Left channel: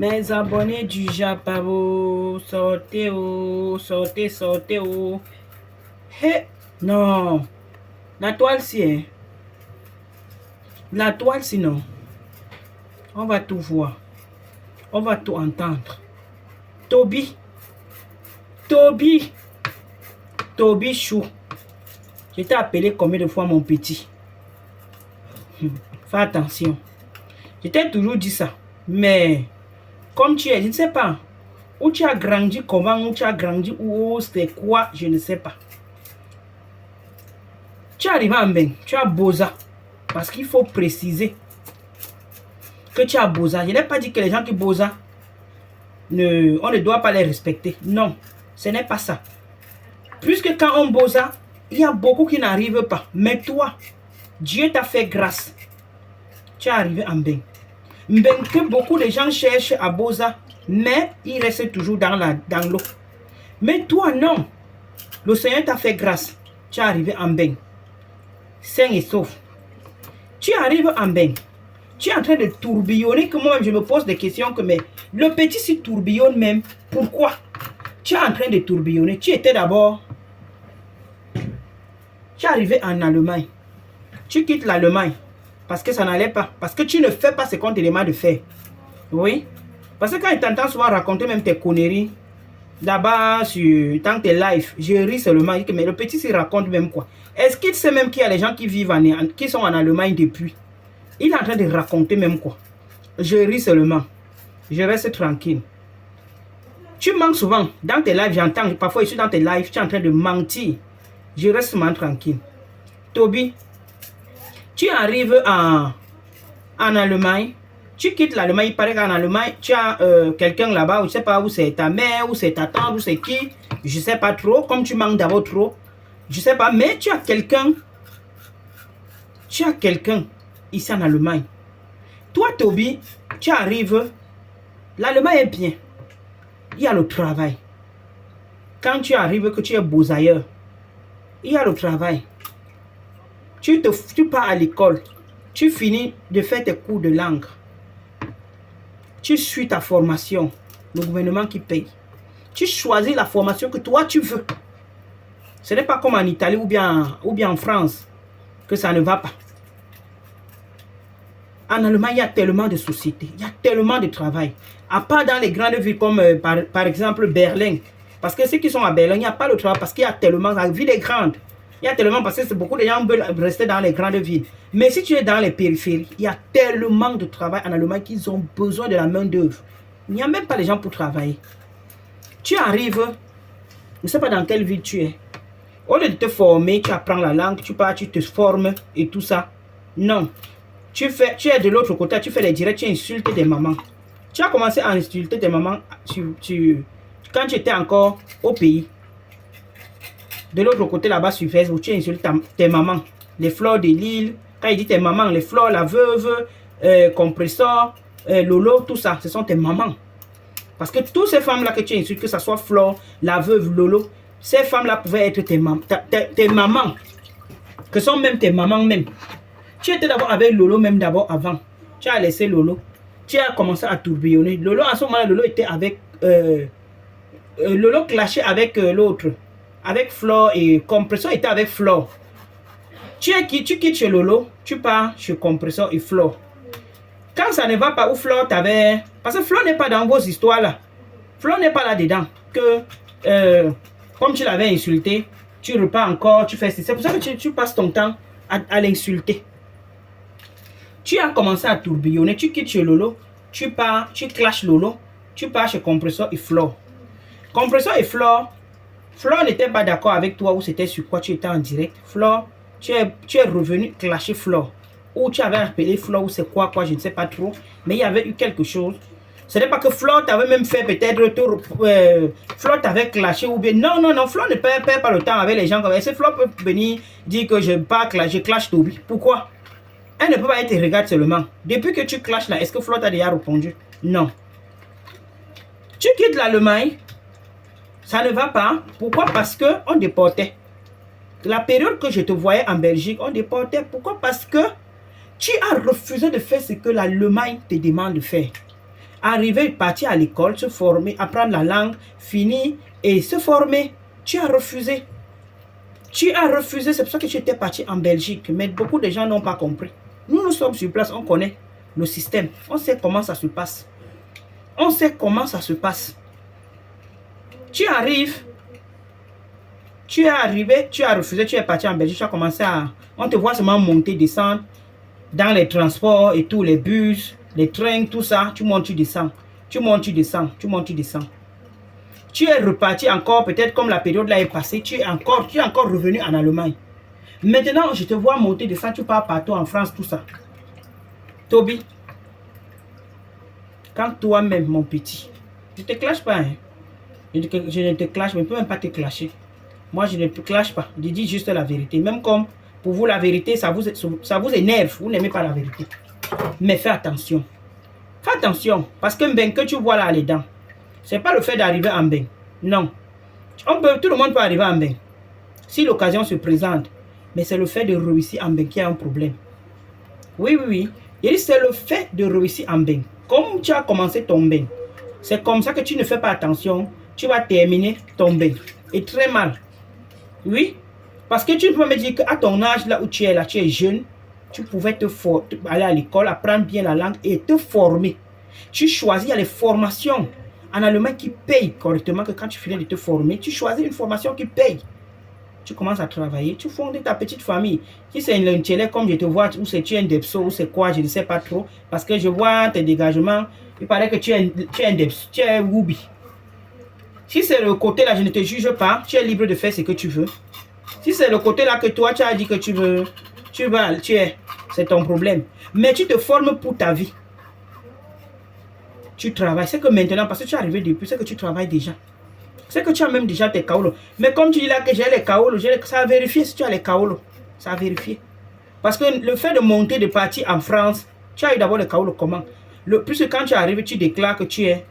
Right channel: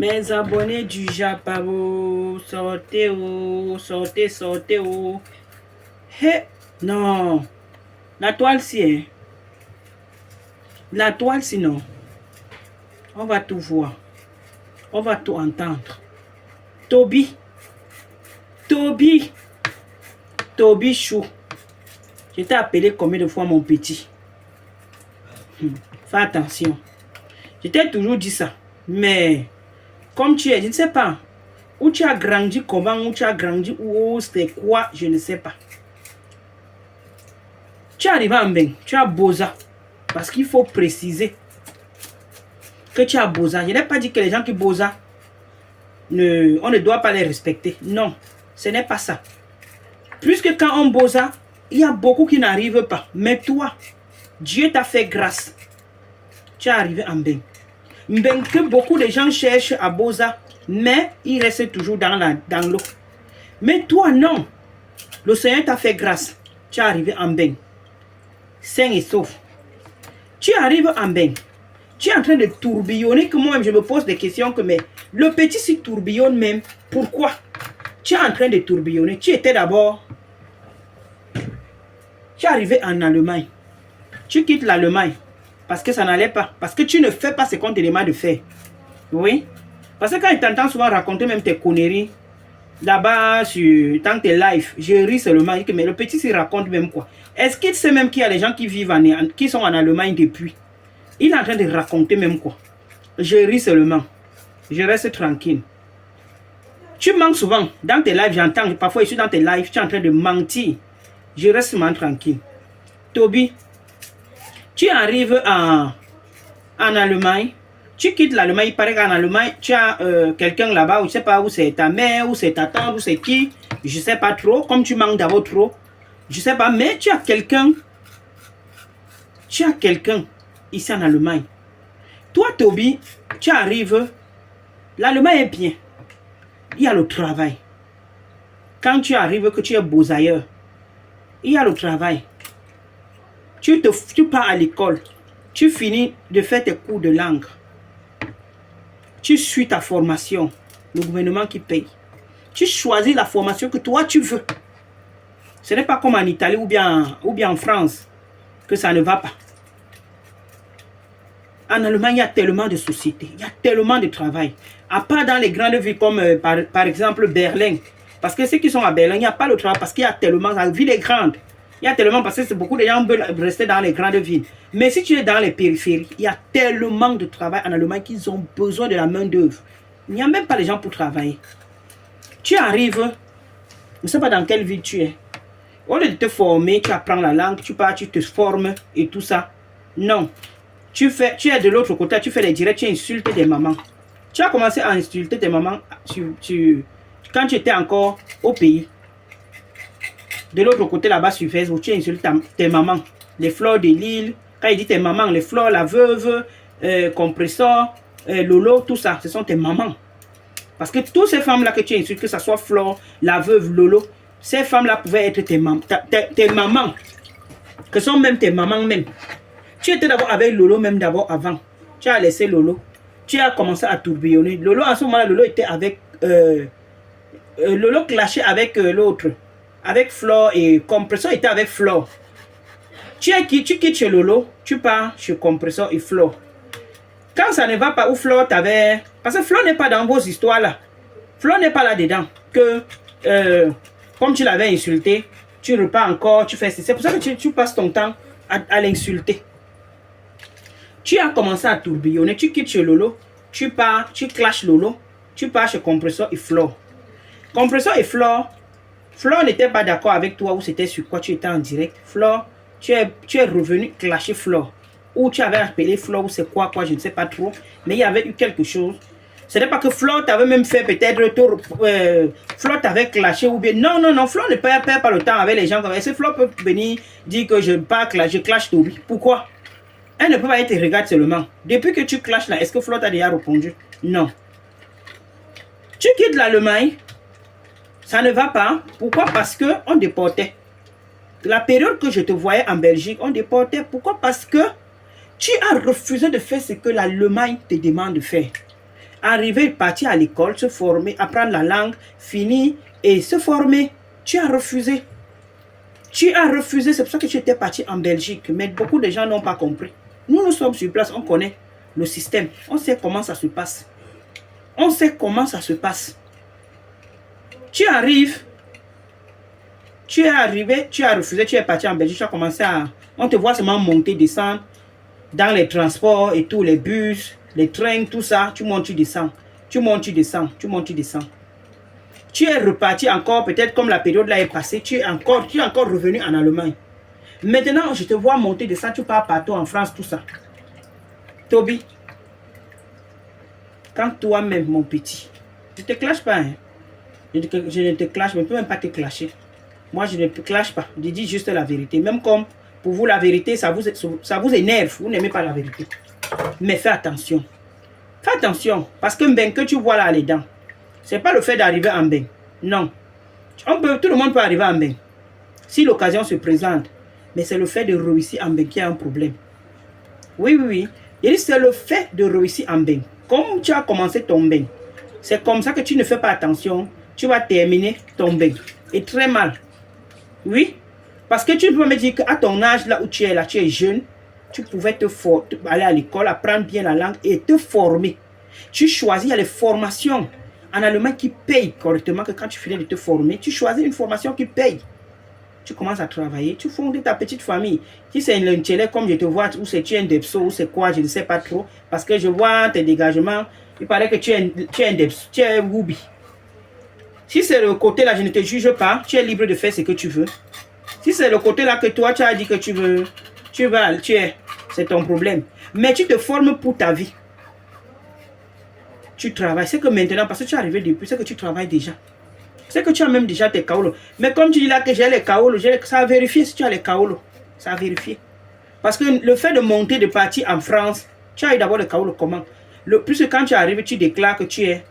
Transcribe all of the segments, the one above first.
Mes abonnés du Japabo, sortez oh, sortez, sortez oh. Hé, non, la toile si hein. La toile sinon, on va tout voir, on va tout entendre. Toby, Toby, Toby Chou. Je t'ai appelé combien de fois mon petit? Fais attention. Je t'ai toujours dit ça, mais comme tu es, je ne sais pas. Où tu as grandi, comment, où tu as grandi, où c'est quoi, je ne sais pas. Tu es arrivé en bain, tu as Boza. Parce qu'il faut préciser que tu as Boza. Je n'ai pas dit que les gens qui Boza, on ne doit pas les respecter. Non, ce n'est pas ça. Puisque quand on Boza, il y a beaucoup qui n'arrivent pas. Mais toi, Dieu t'a fait grâce. Tu es arrivé en bain. Bain que beaucoup de gens cherchent à Boza, mais il reste toujours dans l'eau. Mais toi, non. Le Seigneur t'a fait grâce. Tu es arrivé en bain. Sain et sauf. Tu arrives en bain. Tu es en train de tourbillonner, que moi-même je me pose des questions que mais le petit s'y tourbillonne même. Pourquoi? Tu es en train de tourbillonner. Tu étais d'abord. Tu es arrivé en Allemagne. Tu quittes l'Allemagne parce que ça n'allait pas. Parce que tu ne fais pas ce qu'on te demande de faire. Oui. Parce que quand je t'entends souvent raconter même tes conneries, là-bas, dans tes lives, je ris seulement. Mais le petit s'y raconte même quoi? Est-ce qu'il sait même qu'il y a des gens qui vivent qui sont en Allemagne depuis? Il est en train de raconter même quoi? Je ris seulement. Je reste tranquille. Tu manques souvent. Dans tes lives, j'entends. Parfois, je suis dans tes lives, tu es en train de mentir. Je reste seulement tranquille. Toby, tu arrives en Allemagne. Tu quittes l'Allemagne. Il paraît qu'en Allemagne, tu as quelqu'un là-bas. Je ne sais pas où c'est ta mère, où c'est ta tante, où c'est qui. Je ne sais pas trop. Comme tu manques d'abord trop. Je ne sais pas. Mais tu as quelqu'un. Tu as quelqu'un ici en Allemagne. Toi, Toby, tu arrives. L'Allemagne est bien. Il y a le travail. Quand tu arrives, que tu es beau ailleurs, il y a le travail. Tu pars à l'école. Tu finis de faire tes cours de langue. Tu suis ta formation. Le gouvernement qui paye. Tu choisis la formation que toi tu veux. Ce n'est pas comme en Italie ou bien en France que ça ne va pas. En Allemagne, il y a tellement de sociétés. Il y a tellement de travail. À part dans les grandes villes comme par exemple Berlin. Parce que ceux qui sont à Berlin, il n'y a pas de travail parce qu'il y a tellement. La ville est grande. Il y a tellement parce que beaucoup de gens veulent rester dans les grandes villes. Mais si tu es dans les périphéries, il y a tellement de travail en Allemagne qu'ils ont besoin de la main d'œuvre. Il n'y a même pas les gens pour travailler. Tu arrives, je ne sais pas dans quelle ville tu es. Au lieu de te former, tu apprends la langue, tu pars, tu te formes et tout ça. Non. Tu es de l'autre côté, tu fais les directs, tu insultes des mamans. Tu as commencé à insulter tes mamans quand tu étais encore au pays. De l'autre côté, là-bas sur Facebook, tu insultes tes mamans. Les fleurs de l'île. Quand il dit tes mamans, les fleurs, la veuve, compresseur, Lolo, tout ça, ce sont tes mamans. Parce que toutes ces femmes-là que tu insultes, que ce soit Flore, la veuve, Lolo, ces femmes-là pouvaient être tes mamans. Que sont même tes mamans même. Tu étais d'abord avec Lolo, même d'abord avant. Tu as laissé Lolo. Tu as commencé à tourbillonner. Lolo, en ce moment-là, Lolo était avec... Lolo clashait avec l'autre. Avec Flore et Compresseur était avec Flore. Tu quittes chez Lolo, tu pars chez Compresseur et Flore. Quand ça ne va pas, où Flore t'avait... Parce que Flore n'est pas dans vos histoires là. Flore n'est pas là-dedans. Que, comme tu l'avais insulté, tu repars encore, tu fais... C'est pour ça que tu passes ton temps à l'insulter. Tu as commencé à tourbillonner, tu quittes chez Lolo, tu pars, tu clashes Lolo, tu pars chez Compresseur et Flore. Compresseur et Flore n'était pas d'accord avec toi ou c'était sur quoi tu étais en direct. Flore, tu es revenu clasher Flore. Ou tu avais appelé Flore ou c'est quoi, je ne sais pas trop. Mais il y avait eu quelque chose. Ce n'est pas que Flore t'avait même fait peut-être... Flore t'avait clashé ou bien... Non, Flore ne perd pas le temps avec les gens. Est-ce que Flore peut venir dire que je clash Toby? Pourquoi? Elle ne peut pas être regarde seulement. Depuis que tu clashes là, est-ce que Flore t'a déjà répondu? Non. Tu quittes l'Allemagne. Ça ne va pas. Pourquoi? Parce qu'on déportait. La période que je te voyais en Belgique, on déportait. Pourquoi? Parce que tu as refusé de faire ce que l'Allemagne te demande de faire. Arriver, partir à l'école, se former, apprendre la langue, finir et se former. Tu as refusé. Tu as refusé, c'est pour ça que tu étais parti en Belgique. Mais beaucoup de gens n'ont pas compris. Nous sommes sur place, on connaît le système. On sait comment ça se passe. On sait comment ça se passe. Tu arrives, tu es arrivé, tu as refusé, tu es parti en Belgique, tu as commencé à... On te voit seulement monter, descendre dans les transports et tout, les bus, les trains, tout ça. Tu montes, tu descends. Tu montes, tu descends. Tu montes, tu descends. Tu es reparti encore, peut-être comme la période là est passée, tu es encore revenu en Allemagne. Maintenant, je te vois monter, descendre, tu pars partout en France, tout ça. Toby, quand toi-même, mon petit, je ne te clash pas, hein. Je ne te clash, je ne peux même pas te clasher. Moi, je ne te clash pas. Je dis juste la vérité. Même comme pour vous, la vérité, ça vous énerve. Vous n'aimez pas la vérité. Mais fais attention. Fais attention. Parce que ben que tu vois là, les dents, ce n'est pas le fait d'arriver en bain. Non. Tout le monde peut arriver en bain. Si l'occasion se présente. Mais c'est le fait de réussir en bain qui a un problème. Oui, oui, oui. C'est le fait de réussir en bain. Comme tu as commencé ton bain, c'est comme ça que tu ne fais pas attention. Tu vas terminer ton bain. Et très mal. Oui. Parce que tu peux me dire qu'à ton âge, là où tu es, là, tu es jeune, tu pouvais aller à l'école, apprendre bien la langue et te former. Tu choisis, il y a les formations en Allemagne qui payent correctement, que quand tu finis de te former, tu choisis une formation qui paye. Tu commences à travailler, tu fondes ta petite famille. Si c'est un télé comme je te vois, ou c'est tu es un depso, ou c'est quoi, je ne sais pas trop. Parce que je vois tes dégagements, il paraît que tu es un depso, tu es Woubi. Si c'est le côté là, je ne te juge pas, tu es libre de faire ce que tu veux. Si c'est le côté là que toi, tu as dit que tu veux, c'est ton problème. Mais tu te formes pour ta vie. Tu travailles. C'est que maintenant, parce que tu es arrivé depuis, c'est que tu travailles déjà. C'est que tu as même déjà tes kaolos. Mais comme tu dis là que j'ai les kaolos, ça a vérifié si tu as les kaolos. Ça a vérifié. Parce que le fait de monter, de partir en France, tu as eu d'abord les kaolos comment? Plus quand tu arrives, tu déclares que tu es...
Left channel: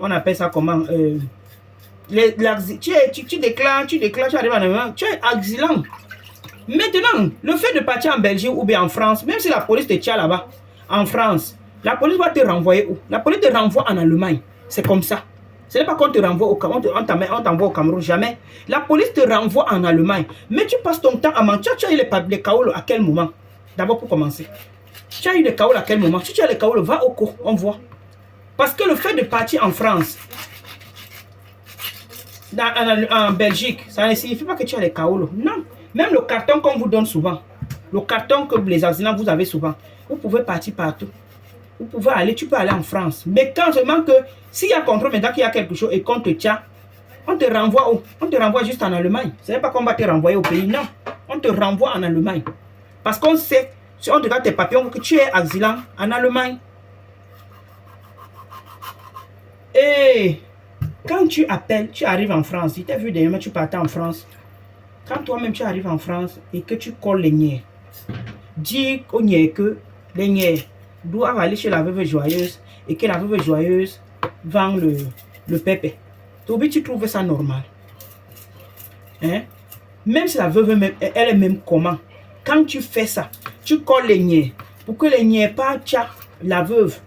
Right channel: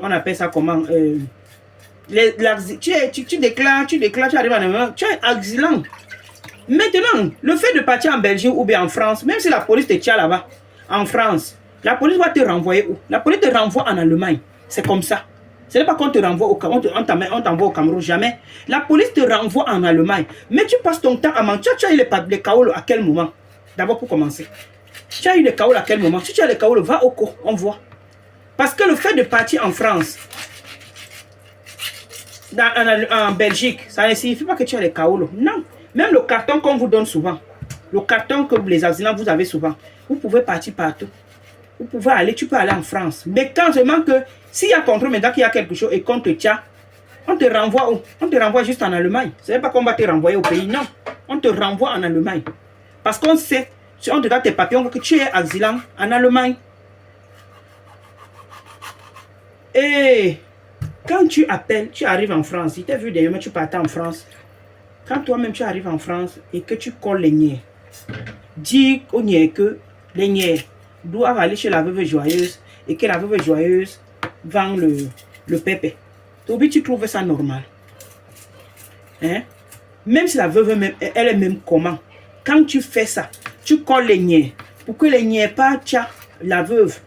on appelle ça comment? Tu déclares, tu arrives en Allemagne, tu es exilant. Maintenant, le fait de partir en Belgique ou bien en France, même si la police te tient là-bas, en France, la police va te renvoyer où? La police te renvoie en Allemagne. C'est comme ça. Ce n'est pas qu'on te renvoie au Cameroun, on t'envoie au Cameroun, jamais. La police te renvoie en Allemagne. Mais tu passes ton temps à mentir. Tu as eu les kaolos à quel moment? D'abord pour commencer. Tu as eu les kaolos à quel moment? Si tu as les kaolos, va au cours, on voit. Parce que le fait de partir en France, en Belgique, ça ne signifie pas que tu as les kaolos. Non. Même le carton qu'on vous donne souvent, le carton que les accidents vous avez souvent, vous pouvez partir partout. Vous pouvez aller, tu peux aller en France. Mais quand seulement que, s'il y a contrôle maintenant qu'il y a quelque chose et qu'on te tient, on te renvoie où? On te renvoie juste en Allemagne. Ce n'est pas qu'on va te renvoyer au pays, non. On te renvoie en Allemagne. Parce qu'on sait, si on te regarde tes papiers, on voit que tu es exilant en Allemagne. Et quand tu appelles, tu arrives en France, si tu as vu dernièrement, tu partais en France. Quand toi-même tu arrives en France et que tu colles les niais, dis aux niais que les niais doivent aller chez la veuve joyeuse et que la veuve joyeuse vend le pépé. Toby, tu trouves ça normal? Hein? Même si la veuve, elle est même comment? Quand tu fais ça, tu colles les niais pour que les niais pas la veuve.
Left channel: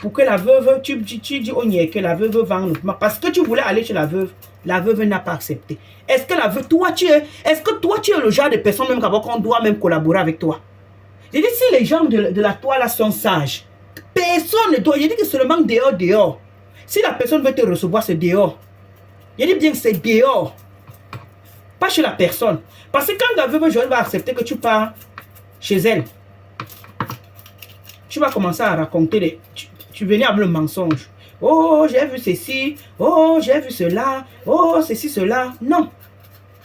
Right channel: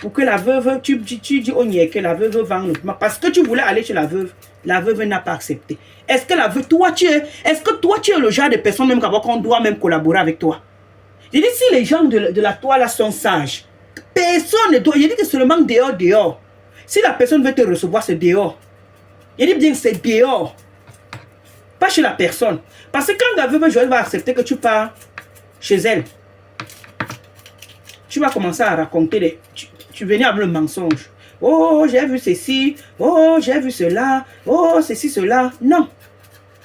Pour que la veuve, tu dis au niais que la veuve vend le pépé. Parce que tu voulais aller chez la veuve n'a pas accepté. Est-ce que est-ce que toi tu es le genre de personne même qu'on doit même collaborer avec toi? Je dis si les gens de la toile sont sages, personne ne doit. Je dis que seulement dehors. Si la personne veut te recevoir, c'est dehors. Je dis bien que c'est dehors. Pas chez la personne. Parce que quand la veuve Joël va accepter que tu pars chez elle, tu vas commencer à raconter tu venais avec le mensonge. Oh, j'ai vu ceci. Oh, j'ai vu cela. Oh, ceci, cela. Non.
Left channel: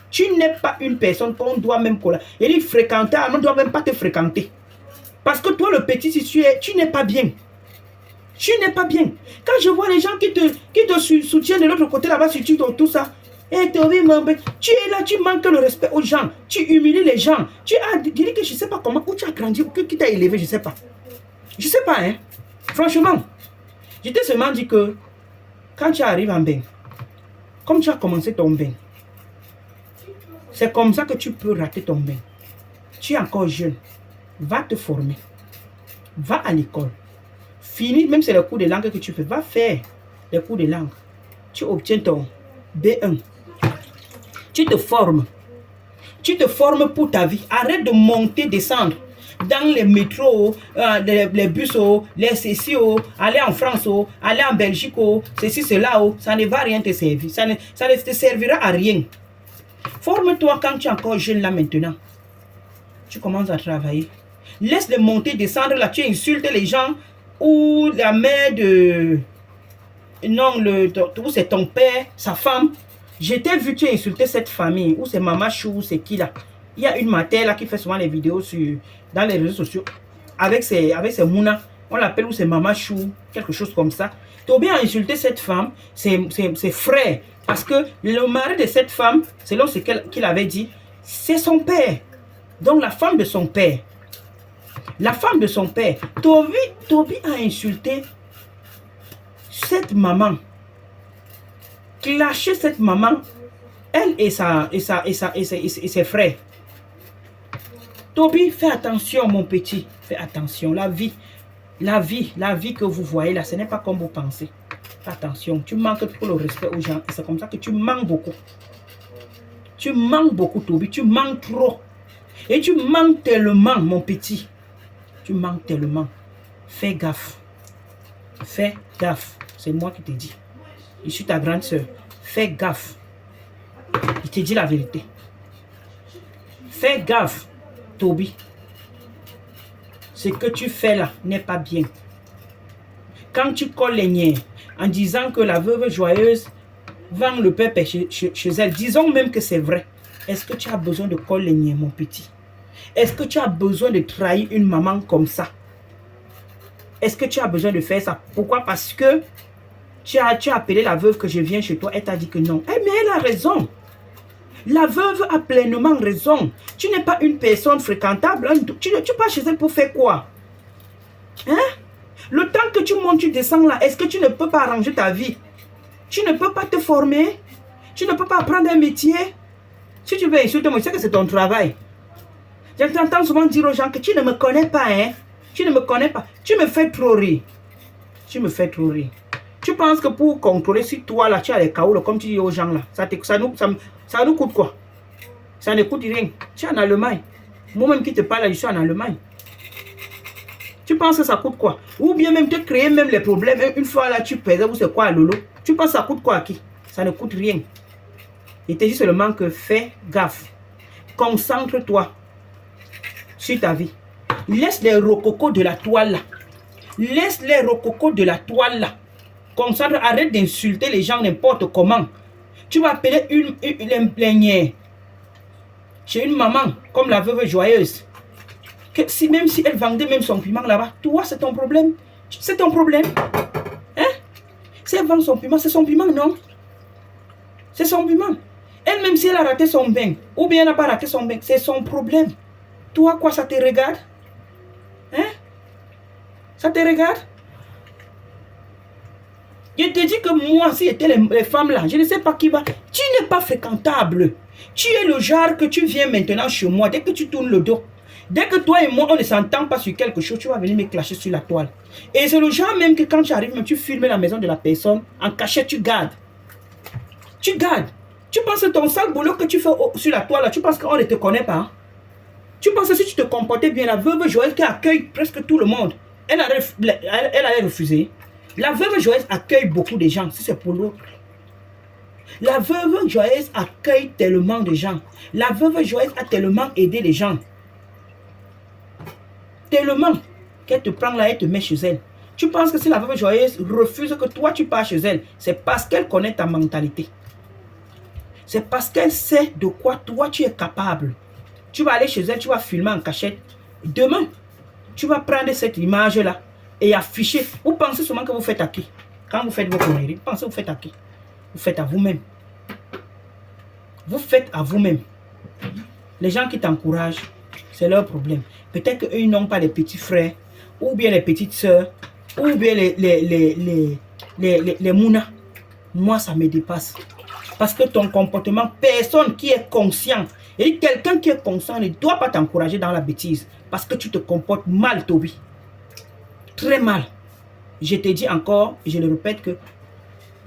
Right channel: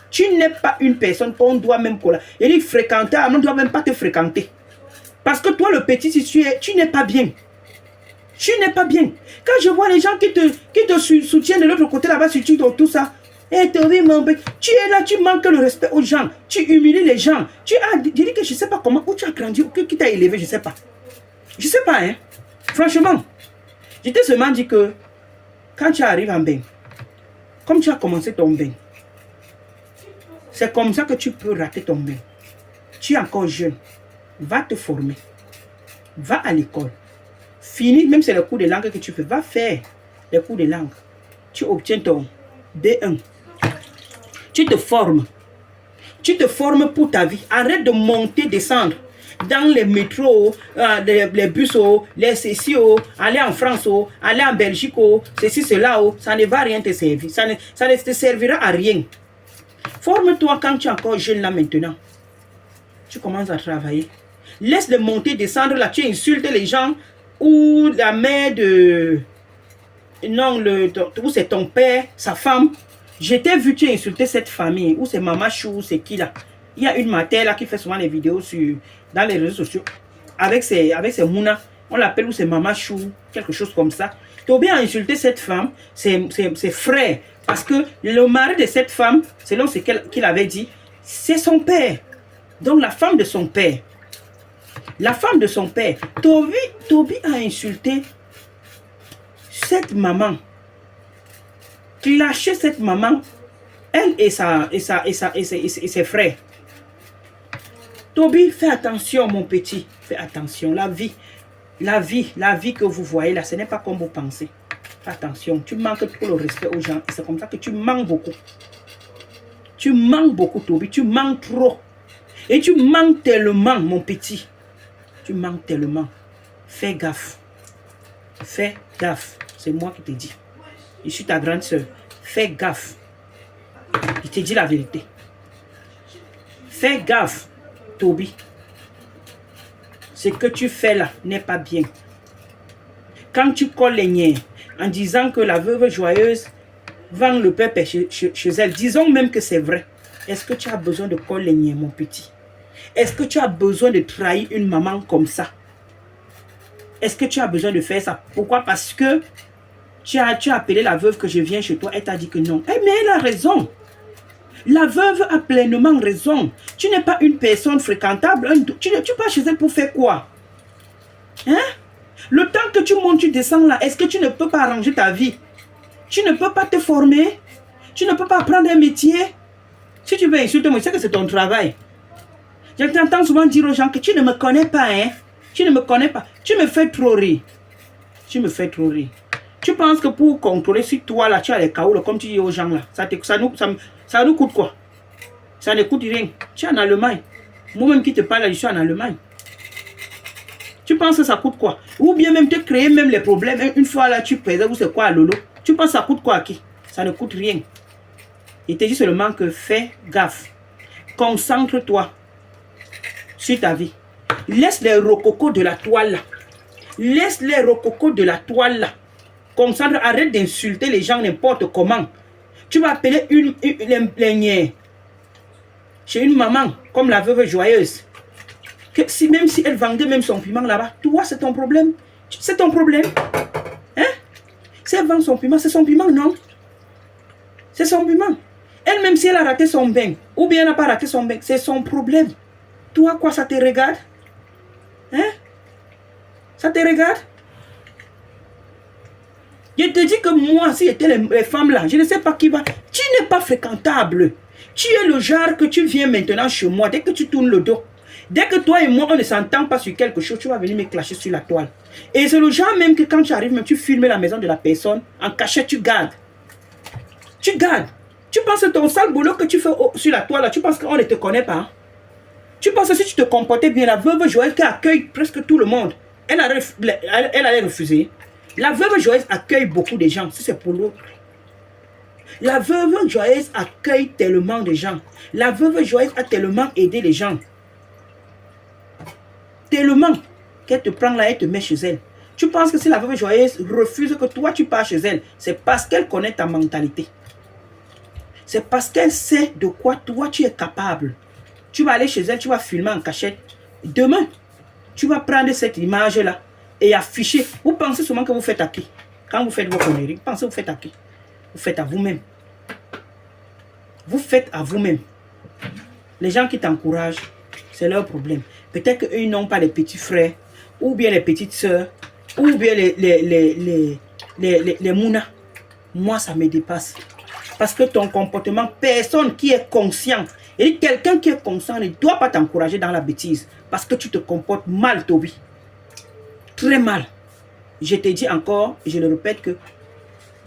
Tu n'es pas une personne qu'on doit même collaborer. Il dit fréquenter, on ne doit même pas te fréquenter. Parce que toi, le petit, si tu n'es pas bien. Tu n'es pas bien. Quand je vois les gens qui te soutiennent de l'autre côté là-bas sur tout ça, et tu es là, tu manques le respect aux gens. Tu humilies les gens. Tu as dit que je ne sais pas comment, où tu as grandi, qui t'a élevé, je ne sais pas. Je ne sais pas, hein. Franchement. Je t'ai seulement dit que quand tu arrives en bain, comme tu as commencé ton bain, c'est comme ça que tu peux rater ton bain. Tu es encore jeune. Va te former. Va à l'école. Finis, même c'est le cours de langue que tu fais. Va faire les cours de langue. Tu obtiens ton B1. Tu te formes. Tu te formes pour ta vie. Arrête de monter, descendre dans les métros, les bus, les ceci, aller en France, aller en Belgique, ceci, cela, ça ne va rien te servir. Ça ne te servira à rien. Forme-toi quand tu es encore jeune là maintenant. Tu commences à travailler. Laisse le monter, descendre là. Tu insultes les gens ou la mère de... Non, ou c'est ton père, sa femme. Je t'ai vu, tu insulter cette famille. Ou c'est Maman Chou, c'est qui là? Il y a une mater là qui fait souvent les vidéos dans les réseaux sociaux. Avec ses mounas. On l'appelle ou c'est Maman Chou, quelque chose comme ça. Tu as bien insulté cette femme, ses frères. Parce que le mari de cette femme, selon ce qu'il avait dit, c'est son père. Donc la femme de son père. La femme de son père. Toby a insulté cette maman. Clasher cette maman. Elle et ses frères. Toby, fais attention mon petit. Fais attention. La vie que vous voyez là, ce n'est pas comme vous pensez. Fais attention. Tu manques trop le respect aux gens. Et c'est comme ça que tu manques beaucoup. Tu manques beaucoup, Toby. Tu manques trop. Et tu manques tellement, mon petit. Tu manques tellement. Fais gaffe. Fais gaffe. C'est moi qui te dis. Je suis ta grande soeur. Fais gaffe. Je te dis la vérité. Fais gaffe, Toby. Ce que tu fais là n'est pas bien. Quand tu colles les niais en disant que la veuve joyeuse vend le peuple chez elle, disons même que c'est vrai. Est-ce que tu as besoin de coller les niais, mon petit? Est-ce que tu as besoin de trahir une maman comme ça? Est-ce que tu as besoin de faire ça? Pourquoi? Parce que tu as appelé la veuve que je viens chez toi. Elle t'a dit que non. Eh, mais elle a raison. La veuve a pleinement raison. Tu n'es pas une personne fréquentable. Tu pars chez elle pour faire quoi? Hein? Le temps que tu montes, tu descends là, est-ce que tu ne peux pas arranger ta vie? Tu ne peux pas te former? Tu ne peux pas apprendre un métier? Si tu veux insulter moi, c'est que c'est ton travail. J'entends souvent dire aux gens que tu ne me connais pas, hein? Tu ne me connais pas. Tu me fais trop rire. Tu me fais trop rire. Tu penses que pour contrôler si toi là, tu as les chaos, comme tu dis aux gens là, ça nous coûte quoi? Ça ne coûte rien. Tu es en Allemagne. Moi-même qui te parle, je suis en Allemagne. Tu penses que ça coûte quoi? Ou bien même te créer même les problèmes. Une fois là, tu pèses, ou c'est quoi, Lolo? Tu penses que ça coûte quoi à qui? Ça ne coûte rien. Il te dit seulement que fais gaffe. Concentre-toi sur ta vie. Laisse les rococos de la toile là. Laisse les rococos de la toile là. Concentre, arrête d'insulter les gens n'importe comment. Tu vas appeler une plaignée chez une maman comme la veuve joyeuse. Même si elle vendait même son piment là-bas, toi c'est ton problème. C'est ton problème. Hein? Si elle vend son piment, c'est son piment, non? C'est son piment. Elle, même si elle a raté son bain, ou bien elle n'a pas raté son bain, c'est son problème. Toi, quoi, ça te regarde? Hein? Ça te regarde? Je te dis que moi, si j'étais les femmes là, je ne sais pas qui va. Tu n'es pas fréquentable. Tu es le genre que tu viens maintenant chez moi, dès que tu tournes le dos. Dès que toi et moi, on ne s'entend pas sur quelque chose, tu vas venir me clasher sur la toile. Et c'est le genre même que quand tu arrives, même tu filmes la maison de la personne, en cachette, tu gardes. Tu gardes. Tu penses que ton sale boulot que tu fais sur la toile, là, tu penses qu'on ne te connaît pas. Hein? Tu penses que si tu te comportais bien, la veuve Joël qui accueille presque tout le monde, elle allait refuser. La veuve Joël accueille beaucoup de gens, si c'est pour l'autre. La veuve Joël accueille tellement de gens. La veuve Joël a tellement aidé les gens. Tellement qu'elle te prend là et te met chez elle. Tu penses que si la veuve joyeuse refuse que toi tu pars chez elle, c'est parce qu'elle connaît ta mentalité. C'est parce qu'elle sait de quoi toi tu es capable. Tu vas aller chez elle, tu vas filmer en cachette. Demain, tu vas prendre cette image-là et afficher. Vous pensez seulement que vous faites à qui? Quand vous faites vos conneries, vous pensez que vous faites à qui? Vous faites à vous-même. Vous faites à vous-même. Les gens qui t'encouragent, c'est leur problème. Peut-être qu'eux n'ont pas les petits frères, ou bien les petites sœurs, ou bien les mounas. Moi, ça me dépasse. Parce que ton comportement, personne qui est conscient, et quelqu'un qui est conscient ne doit pas t'encourager dans la bêtise. Parce que tu te comportes mal, Toby. très mal. Je te dis encore, et je le répète que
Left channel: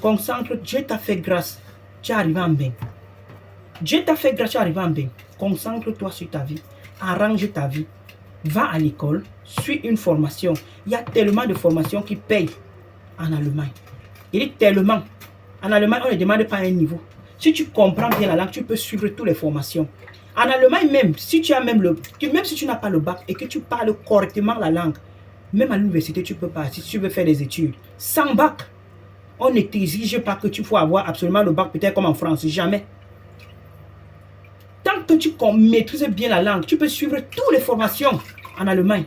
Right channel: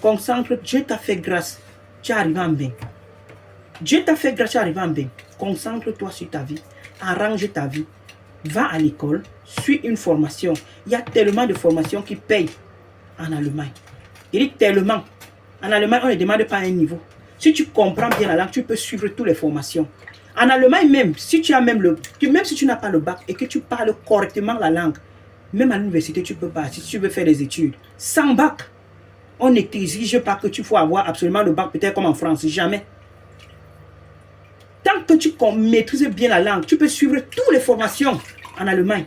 concentre, Dieu t'a fait grâce. Tu es arrivé en bien. Dieu t'a fait grâce, tu es arrivé en bien. Concentre-toi sur ta vie. Arrange ta vie. Va à l'école, suis une formation. Il y a tellement de formations qui payent en Allemagne. Il dit tellement. En Allemagne, on ne demande pas un niveau. Si tu comprends bien la langue, tu peux suivre toutes les formations. En Allemagne même, si tu as même si tu n'as pas le bac et que tu parles correctement la langue, même à l'université, tu peux partir si tu veux faire des études. Sans bac, on ne t'exige pas que tu faut avoir absolument le bac, peut-être comme en France, jamais. Tant que tu maîtrises bien la langue, tu peux suivre toutes les formations en Allemagne.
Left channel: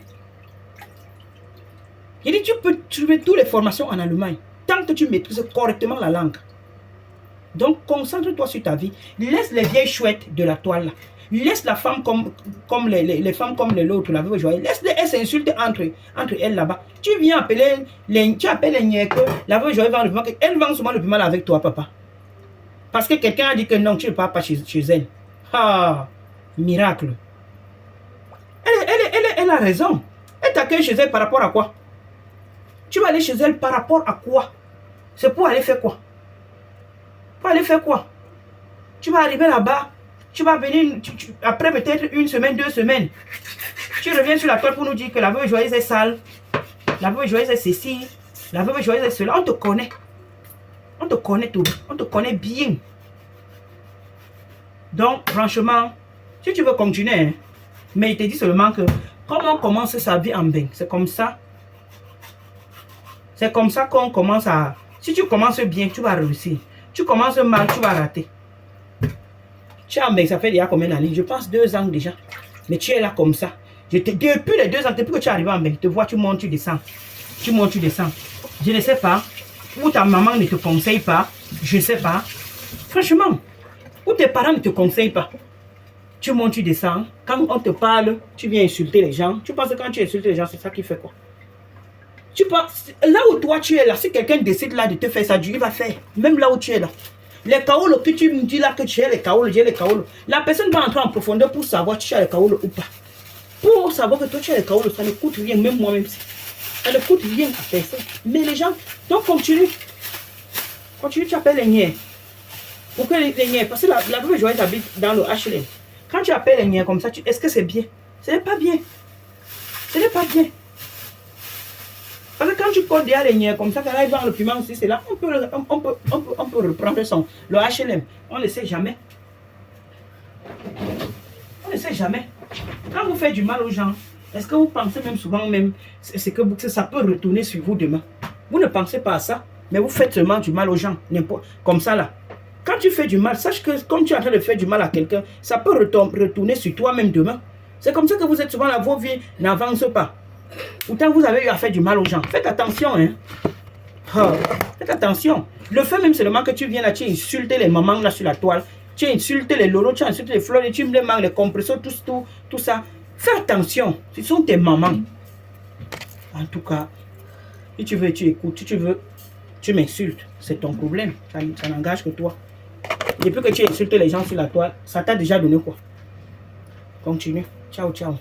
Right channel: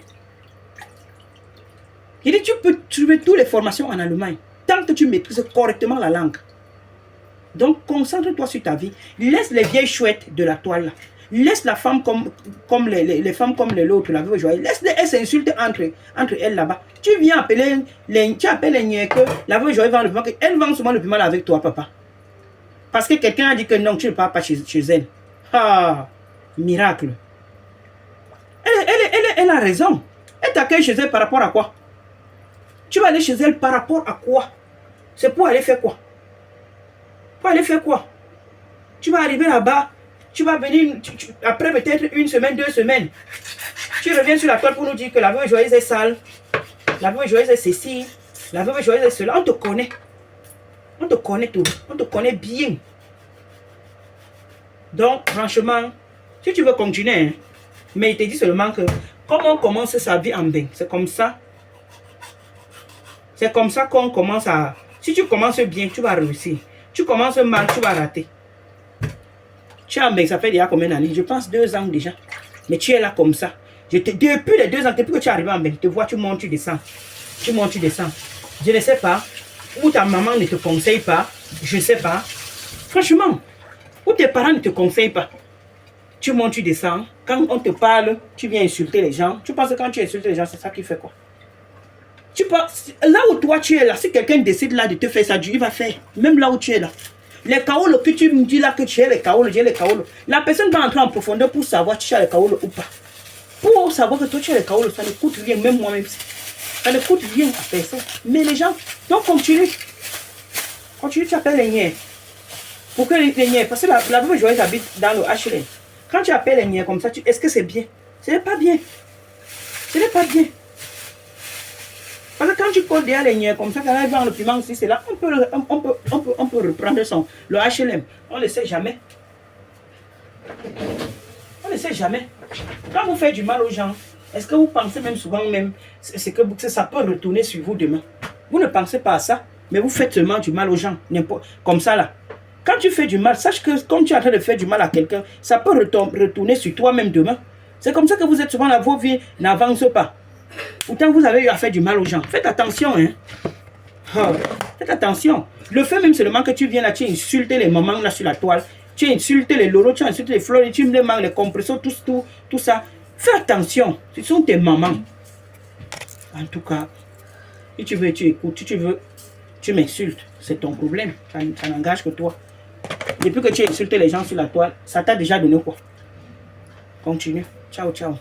Il dit, tu peux suivre toutes les formations en Allemagne, tant que tu maîtrises correctement la langue. Donc, concentre-toi sur ta vie. Laisse les vieilles chouettes de la toile là. Laisse la femme comme les femmes comme les autres, la veuve joyeuse. Laisse-les, elles s'insultent entre elles là-bas. Tu viens appeler tu appelles les que la veuve joyeuse vend le piment. Elle vend souvent le piment avec toi, papa. Parce que quelqu'un a dit que non, tu ne pars pas chez elle. Ah, miracle. Elle a raison. Elle t'accueille chez elle par rapport à quoi? Tu vas aller chez elle par rapport à quoi? C'est pour aller faire quoi? Pour aller faire quoi? Tu vas arriver là-bas, tu vas venir, après peut-être une semaine, 2 semaines, tu reviens sur la toile pour nous dire que la veuve joyeuse est sale, la veuve joyeuse est ceci, la veuve joyeuse est cela. On te connaît. On te connaît tout. On te connaît bien. Donc, franchement, si tu veux continuer, hein, mais il te dit seulement que comment on commence sa vie en bain, c'est comme ça. C'est comme ça qu'on commence à... Si tu commences bien, tu vas réussir. Tu commences mal, tu vas rater. Tu es en bain, ça fait déjà combien d'années? Je pense 2 ans déjà. Mais tu es là comme ça. Depuis les 2 ans, depuis que tu es arrivé en bain, tu vois, tu montes, tu descends. Tu montes, tu descends. Je ne sais pas. Ou ta maman ne te conseille pas. Je ne sais pas. Franchement. Ou tes parents ne te conseillent pas. Tu montes, tu descends. Quand on te parle, tu viens insulter les gens. Tu penses que quand tu insultes les gens, c'est ça qui fait quoi? Tu penses, là où toi tu es là, si quelqu'un décide là de te faire ça, il va faire. Même là où tu es là. Les kaolos que tu me dis là que tu as les kaolos, j'ai les kaolos. La personne va entrer en profondeur pour savoir si tu as les kaolos ou pas. Pour savoir que toi tu as les kaolos, ça ne coûte rien, même moi-même. Ça ne coûte rien à personne. Mais les gens, donc continue. Continue, tu appelles les niais. Pourquoi les niais? Parce que la veuve joyeuse habite dans le HLM. Quand tu appelles les niais comme ça, est-ce que c'est bien? Ce n'est pas bien. Ce n'est pas bien. Parce que quand tu portes derrière les niais comme ça, quand ils vendent le piment aussi, c'est là, on peut reprendre le HLM. On ne sait jamais. On ne sait jamais. Quand vous faites du mal aux gens, est-ce que vous pensez même souvent même, c'est que ça peut retourner sur vous demain? Vous ne pensez pas à ça, mais vous faites seulement du mal aux gens, comme ça là. Quand tu fais du mal, sache que quand tu es en train de faire du mal à quelqu'un, ça peut retourner sur toi-même demain. C'est comme ça que vous êtes souvent là, vos vies n'avancent pas. Pourtant, vous avez eu à faire du mal aux gens. Faites attention, hein. Oh, faites attention. Le fait même seulement que tu viens là, tu insultes les mamans là sur la toile, tu insultes les loros, tu insultes les fleurs, tu me demandes les compresseurs, tout ça. Fais attention. Ce sont tes mamans. En tout cas, si tu veux, tu écoutes. Si tu veux, tu m'insultes. C'est ton problème. Ça n'engage que toi. Depuis que tu insultes les gens sur la toile, ça t'a déjà donné quoi? Continue. Ciao, ciao.